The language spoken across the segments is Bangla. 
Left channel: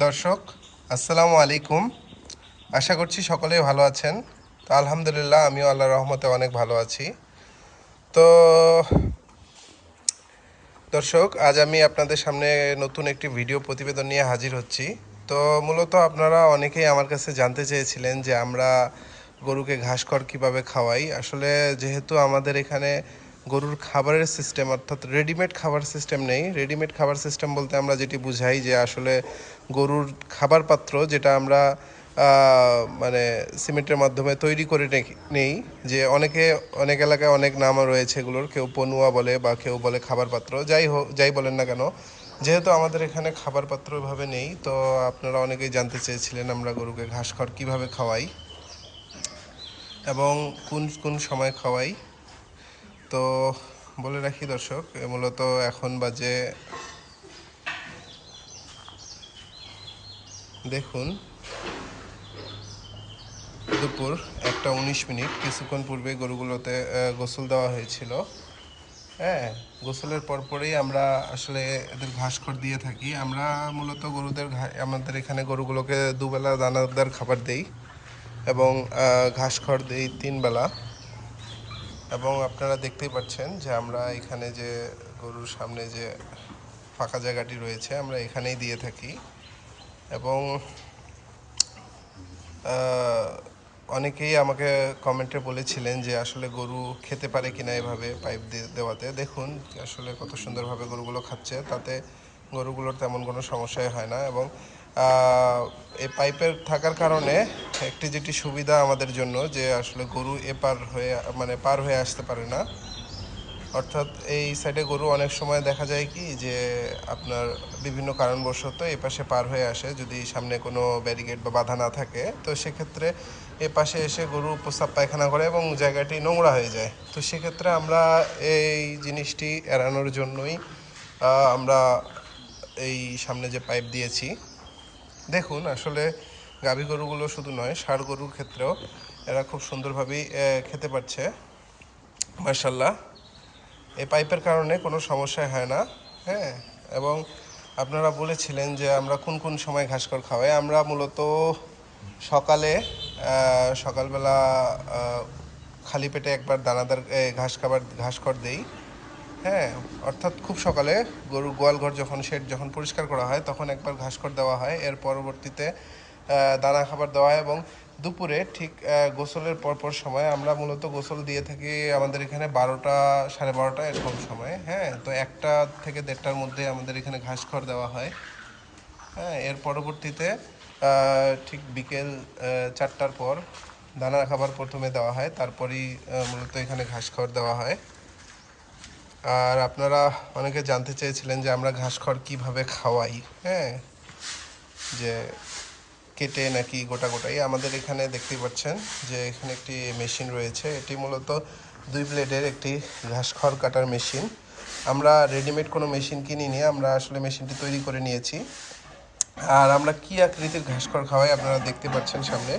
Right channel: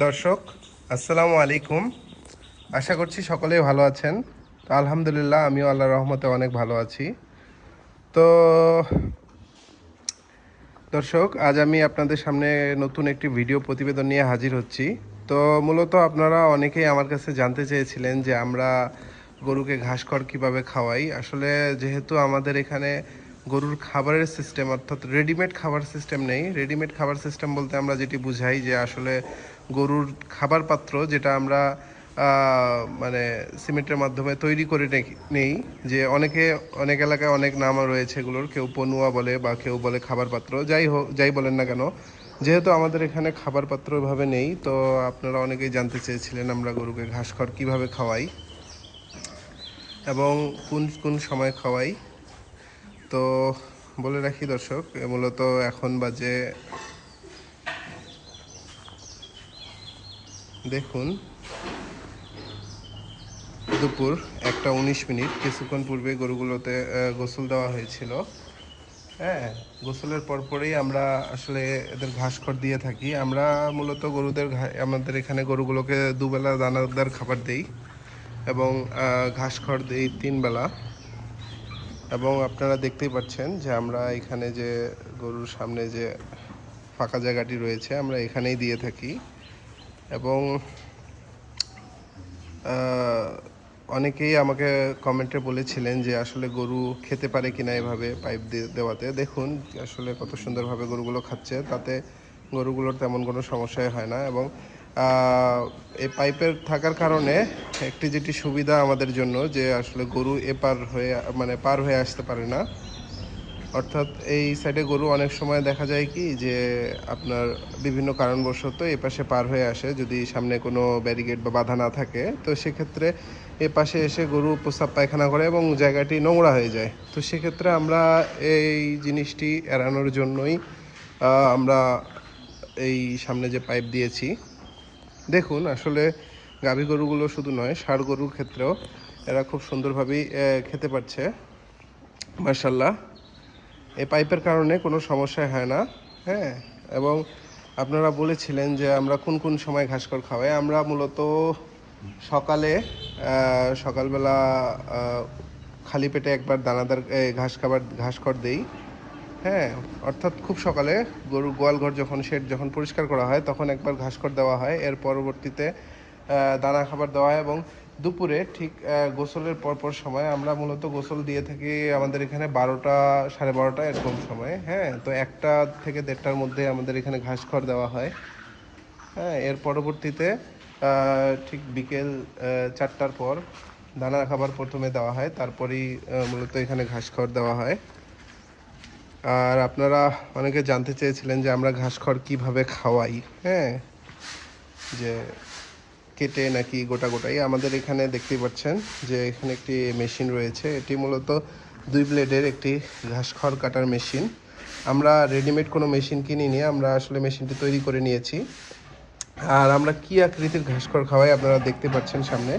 দর্শক, আসসালামু আলাইকুম। আশা করছি সকলেই ভালো আছেন। তো আলহামদুলিল্লাহ, আমিও আল্লাহর রহমতে অনেক ভালো আছি। তো দর্শক, আজ আমি আপনাদের সামনে নতুন একটি ভিডিও প্রতিবেদন নিয়ে হাজির হচ্ছি। তো মূলত আপনারা অনেকেই আমার কাছে জানতে চেয়েছিলেন যে আমরা গরুকে ঘাসখড় কিভাবে খাওয়াই। আসলে যেহেতু আমাদের এখানে গরুর খাবারের সিস্টেম, অর্থাৎ রেডিমেড খাবার সিস্টেম নেই। রেডিমেড খাবার সিস্টেম বলতে আমরা যেটি বুঝাই যে আসলে গরুর খাবার পাত্র যেটা আমরা মানে সিমেন্টের মাধ্যমে তৈরি করে নেই। যে অনেক এলাকায় অনেক নাম রয়েছে এগুলোর, কেউ পনুয়া বলে বা কেউ বলে খাবার পাত্র, যাই বলেন না কেন। যেহেতু আমাদের এখানে খাবার পাত্র এভাবে নেই, তো আপনারা অনেকেই জানতে চেয়েছিলেন আমরা গরুকে ঘাসখড় কীভাবে খাওয়াই এবং কোন কোন সময় খাওয়াই। তো বলে রাখি দর্শক, মূলত এখন বাজে, দেখুন, দুপুর 1টা 19 মিনিট। কিছুক্ষণ পূর্বে গরুগুলোতে গোসল দেওয়া হয়েছিল। হ্যাঁ, গোসলের পরপরই আমরা আসলে এদের ঘাসখড় দিয়ে থাকি। আমরা মূলত আমাদের এখানে গরুগুলোকে দুবেলা দানাদার খাবার দেই এবং ঘাসখড় দিই 3 বেলা। এবং আপনারা দেখতেই পাচ্ছেন যে আমরা এখানে যে গরুর সামনে যে ফাঁকা জায়গাটি রয়েছে, আমরা এখানেই দিয়ে থাকি। এবং অনেকেই আমাকে কমেন্টে বলেছিলেন যে আসলে গরু খেতে পারে কিনা এভাবে পাইপ দিয়ে দেওয়াতে। দেখুন আসলে কত সুন্দরভাবে গরুগুলো খাচ্ছে, তাতে গরুগুলোর তেমন কোনো সমস্যাই হয় না। এবং এই পাইপের থাকার কারণে একটি যেটি সুবিধা আমাদের জন্য, যে আসলে গরু এপার হয়ে মানে পার হয়ে আসতে পারে না। অর্থাৎ এই সাইডে গরু অনেক সময় দেখা যায় কি যে আপনার বিভিন্ন কারণবশত এপাশে পার হয়ে আসে, যদি সামনে কোনো ব্যারিকেড বা বাধা না থাকে। তো সেক্ষেত্রে এপাশে এসে গরু প্রস্রাব পায়খানা করে এবং জায়গাটি নোংরা হয়ে যায়। তো সেক্ষেত্রে আমরা এই জিনিসটি এড়ানোর জন্যই আমরা এই সামনে যে পাইপ দিয়েছি। দেখুন আসলে গাভী গরুগুলো শুধু নয়, ষাঁড় গরুর ক্ষেত্রেও এরা খুব সুন্দরভাবেই খেতে পারছে, মাশাআল্লাহ। এই পাইপের কারণে কোনো সমস্যা হয় না। হ্যাঁ, এবং আপনারা বলেছিলেন যে আমরা কোন কোন সময় ঘাসখড় খাওয়াই। আমরা মূলত সকালবেলা খালি পেটে একবার দানাদার ঘাসখড় দেই। হ্যাঁ, অর্থাৎ খুব সকালে গরুর গোয়ালঘর শেড যখন পরিষ্কার করা হয় তখন একবার ঘাসখড় দেওয়া হয়। এর পরবর্তীতে দানা খাবার দেওয়া হয় এবং দুপুরে ঠিক গোসলের পরপর সময় আমরা মূলত গোসল দিয়ে থাকি আমাদের এখানে 12টা 12:30 এরকম সময়। হ্যাঁ, তো 1টা থেকে 1:30টার মধ্যে আমাদের এখানে ঘাসখড় দেওয়া হয়। হ্যাঁ, এর পরবর্তীতে ঠিক বিকেল 4টার পর দানা খাবার প্রথমে দেওয়া হয়, তারপরেই মূলত এখানে ঘাসখড় দেওয়া হয়। আর আপনারা অনেকে জানতে চেয়েছিলেন যে আমরা ঘাসখড় কীভাবে খাওয়াই। হ্যাঁ, যে কেটে নাকি গোটা গোটাই। আমাদের এখানে দেখতেই পাচ্ছেন যে এখানে একটি মেশিন রয়েছে। এটি মূলত 2 ব্লেডের একটি ঘাসখড় কাটার মেশিন। আমরা রেডিমেড কোনো মেশিন কিনিনি, আমরা আসলে মেশিনটি তৈরি করে নিয়েছি। আর আমরা কী আকৃতির ঘাসখড় খাওয়াই আপনারা দেখতে পাচ্ছেন সামনে।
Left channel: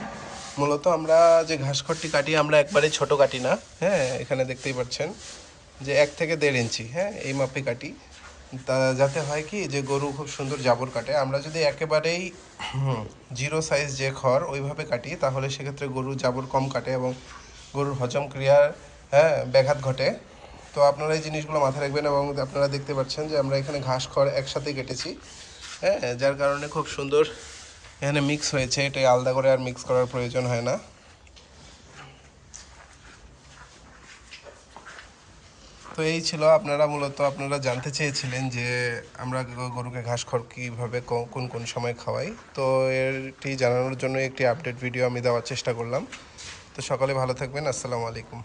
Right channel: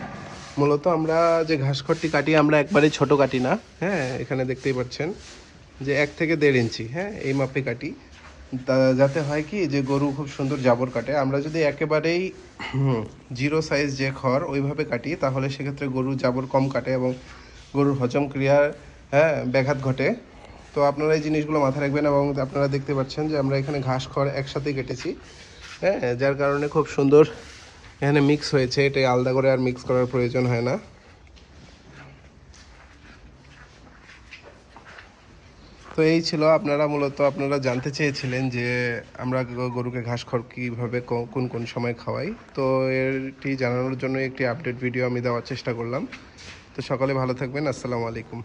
মূলত আমরা যে ঘাসখড়টি কাটি, আমরা একবারেই ছোট কাটি না। হ্যাঁ, এখানে দেখতেই পাচ্ছেন যে 1 থেকে 1.5 ইঞ্চি, হ্যাঁ, এই মাপে কাটি। যাতে হয় কি যে গরু খুব সুন্দর জাবর কাটে। আমরা যদি একেবারেই জিরো সাইজ যে খড় ওইভাবে কাটি, তাহলে সেক্ষেত্রে গরুর জাবর কম কাটে এবং গরুর হজম ক্রিয়ার, হ্যাঁ, ব্যাঘাত ঘটে। তো আপনারা এই জিনিসগুলো মাথায় রাখবেন। এবং আপনারা দেখতে পাচ্ছেন যে আমরা এখানে ঘাস খড় একসাথেই কেটেছি। হ্যাঁ, যার কারণে খুব সুন্দর এখানে মিক্স হয়েছে। এটাই আলাদা করে আর মিক্স করার প্রয়োজন হয় না। তো এই ছিল, আপনারা জানতে চেয়েছিলেন যে আমরা গরুকে ঘাসখড় কীভাবে কোন কোন সময় খাওয়াই। তো এটি জানানোর জন্য একটি আপডেট ভিডিও আমি দেওয়ার চেষ্টা করলাম। তো সকলে ভালো থাকবেন। আসসালামু আলাইকুম।